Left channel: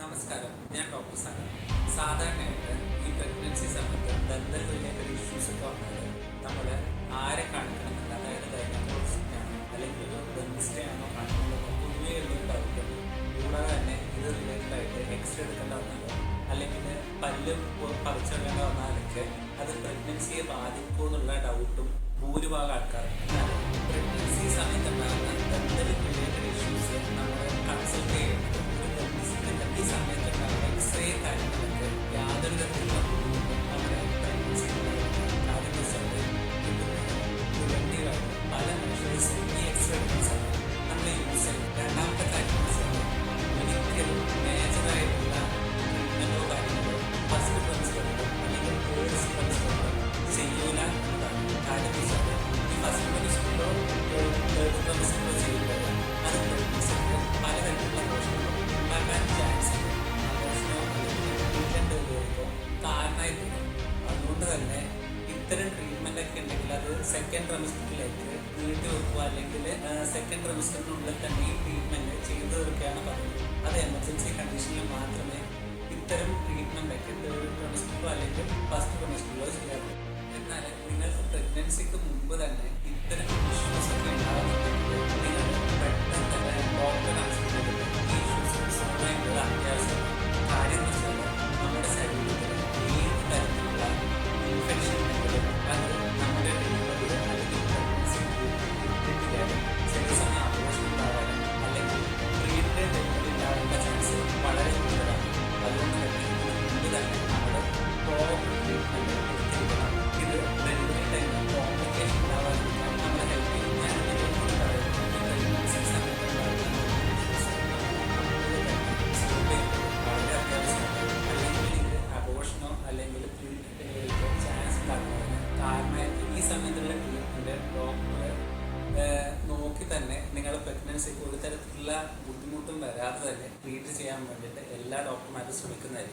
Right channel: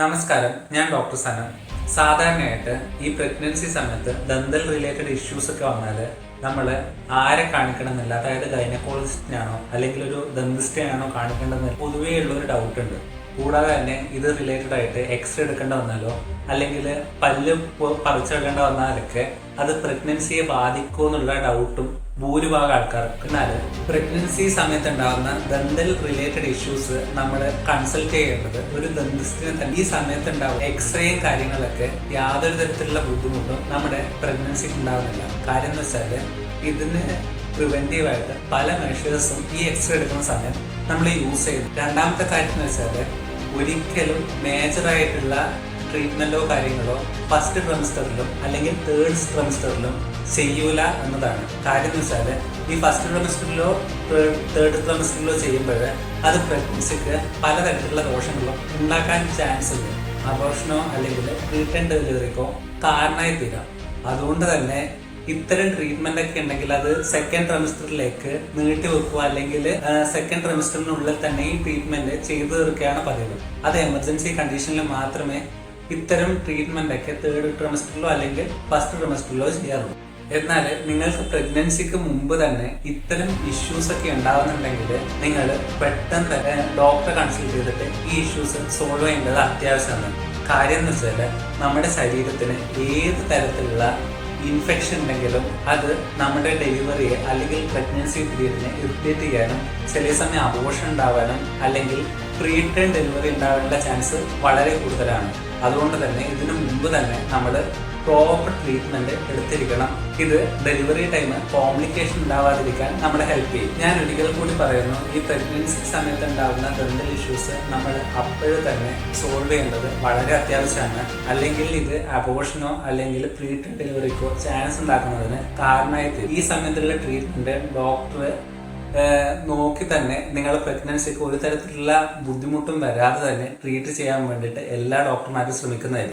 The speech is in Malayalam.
നമസ്കാരം, ഞാൻ ഡോക്ടർ സനം. സാധാരണയായിട്ട് ഈ പ്രഗ്നൻസി സമയത്ത് ദന്തൽ റിലേറ്റഡ് ഇഷ്യൂസ് ഒക്കെ വന്നാൽ നമ്മൾ ആരെ കാണിക്കണമെന്നില്ല. അതായത് ഗൈനക്കോളജിസ്റ്റിനാണോ അല്ലെങ്കിൽ ഒരു ദന്തിസ്റ്റിനാണോ കാണിക്കേണ്ടതെന്ന് പൊതുവേ ഉള്ളൊരു ഡൗട്ട് ഉണ്ട്. കൂടാതെ തന്നെ ഇത് റിലേറ്റഡ് ആയിട്ട് എക്സ്റേ എടുക്കേണ്ട വന്നാലോ അല്ലെങ്കിൽ പല്ല് പറിച്ചെടുക്കേണ്ട വന്നാലൊക്കെ അത് പ്രഗ്നൻസിയെ ബാധിക്കുമോ എന്നുള്ള ഡൗട്ടും ഭൂരിഭാഗം ആൾക്കാർക്ക്. എന്നാൽ പ്രഗ്നൻസി സമയത്ത് ഉണ്ടാകുന്ന ദന്തൽ റിലേറ്റഡ് ഇഷ്യൂസ് നമ്മൾ കൺസൾട്ട് ചെയ്യേണ്ടത് ഒരു ദന്തിസ്റ്റിനെ തന്നെ. ഈ സമയത്ത് ഉണ്ടാവുന്ന എക്സ്റേയും കാര്യങ്ങളൊക്കെ യാതൊരു തരത്തിലുള്ള ബുദ്ധിമുട്ടും നമ്മുടെ പ്രഗ്നൻസിക്ക് ഉണ്ടാവുന്നില്ല. കാര്യം എന്ന് വെച്ചാൽ ഇതിന് പ്രിവെന്റീവായിട്ട് പല മെഷേഴ്സും ഈ എക്സ്റേ എടുക്കുന്ന സമയം നമ്മൾ യൂസ് ചെയ്യും. രണ്ടാമത്തെ കാര്യം എന്ന് വെച്ചാൽ ഒരിക്കലും മേജറായിട്ടുള്ള ട്രീറ്റ്മെന്റോ കാര്യങ്ങളോ ഫസ്റ്റ് ട്രൈമസ്റ്ററിലും അല്ലെങ്കിൽ തേർഡ് ട്രൈമസ്റ്ററിലും ചെയ്യൂല എന്നതാണ്. കാര്യം എന്ന് വെച്ചാൽ ഈ ഫസ്റ്റ് ട്രൈമസ്റ്ററിലോ തേർഡ് ട്രൈമസ്റ്ററിലോ ചെയ്യുമ്പോൾ അത് പ്രഗ്നൻസിക്ക് പലതരത്തിലുള്ള ദോഷങ്ങളും ഉണ്ടാക്കാൻ ചാൻസ് ഉണ്ട്. അബോർഷനോ അല്ലെങ്കിൽ പ്രീടേൺ ഡെലിവറിക്കോ കാരണമായി തീരാം. അതുകൊണ്ട് തന്നെ ഇത്തരം ട്രീറ്റ്മെന്റ് ഒക്കെ ഉണ്ടെങ്കിൽ അത് സെക്കൻഡ് ട്രൈമസ്റ്ററിലേക്ക് നീട്ടി വെക്കുക അല്ലെങ്കിൽ സെക്കൻഡ് ട്രൈമസ്റ്ററിനുള്ളിൽ തന്നെ ഈ ട്രീറ്റ്മെന്റ് ചെയ്തു തീർക്കുകയാണ് പതിവ്. അത് എമർജൻസി കണ്ടീഷനിൽ മാത്രമേ ഇത്തരം ട്രീറ്റ്മെന്റ് ഒക്കെ തേർഡ് ട്രൈമസ്റ്ററിലോ അല്ലെങ്കിൽ ഫസ്റ്റ് ട്രൈമസ്റ്ററിലോ ചെയ്യാറുള്ളൂ. എന്നാൽ നിങ്ങൾക്ക് പ്രഗ്നൻസിക്ക് മുമ്പ് തന്നെ ഇത്തരം ഇഷ്യൂസ് ഒക്കെ ഉണ്ടാകുന്നുണ്ടെങ്കിൽ നിങ്ങൾ പെട്ടെന്ന് തന്നെ ഡോക്ടറെ കൺസൾട്ട് ചെയ്തിട്ട് ഈ ഇഷ്യൂസ് സോൾവ് ചെയ്യേണ്ടത് അത്യാവശ്യമാണ്. കാര്യം എന്ന് വെച്ചാൽ നമ്മുടെ ശരീരത്തിന് ഏത് തരത്തിലുള്ള ഇൻഫെക്ഷൻ ഉണ്ടെങ്കിലും അത് നമ്മുടെ ഡെലിവറിയെ അല്ലെങ്കിൽ പ്രഗ്നൻസി പീരീഡിനെ ഇറിറ്റേറ്റ് ചെയ്യാനും ചില സമയം അബോർഷൻ ഉണ്ടാവാനും അല്ലെങ്കിൽ പ്രീടേൺ ഡെലിവറി ഉണ്ടാവാനുള്ള ചാൻസ് വളരെ കൂടുതലാണ്. അതുകൊണ്ട് തന്നെ ഇതിനു മുമ്പ് തന്നെ നമ്മൾ പ്രോപ്പർ ട്രീറ്റ്മെന്റ് എടുത്തിരിക്കണം. ഇത് ഡെലിവറി ടൈം കോംപ്ലിക്കേഷൻ ഉണ്ടാവാതിരിക്കാൻ നമ്മളെ ഹെൽപ്പ് ചെയ്യും. ഞാൻ ഒരിക്കൽ കൂടി പറയുന്നു, ഈ പ്രഗ്നൻസി സമയത്ത് ഉണ്ടാകുന്ന ദന്തൽ ഇഷ്യൂസ് നമ്മൾ അപ്പോഴേ തന്നെ സോൾവ് ചെയ്യേണ്ടത് വളരെ അത്യാവശ്യമാണ്. അല്ലെങ്കിൽ ഇത് അബോർഷനോ അല്ലെങ്കിൽ പ്രീടേൺ ഡെലിവറിക്കോ ചാൻസ് ഉണ്ടാക്കുന്നതിന് കാരണമായി തീരും. ഈ സമയത്തുള്ള ട്രീറ്റ്മെന്റ് ഡോക്ടർ നോക്കി തന്നെ നിങ്ങളുടെ പ്രഗ്നൻസിക്ക് ഒരു തരത്തിലുള്ള ബുദ്ധിമുട്ടും വരാതെ തന്നെ ട്രീറ്റ് ചെയ്യാൻ വേണ്ടിയിട്ട് എല്ലാ ഡോക്ടർമാരും ശ്രമിക്കുന്നതായിരിക്കും.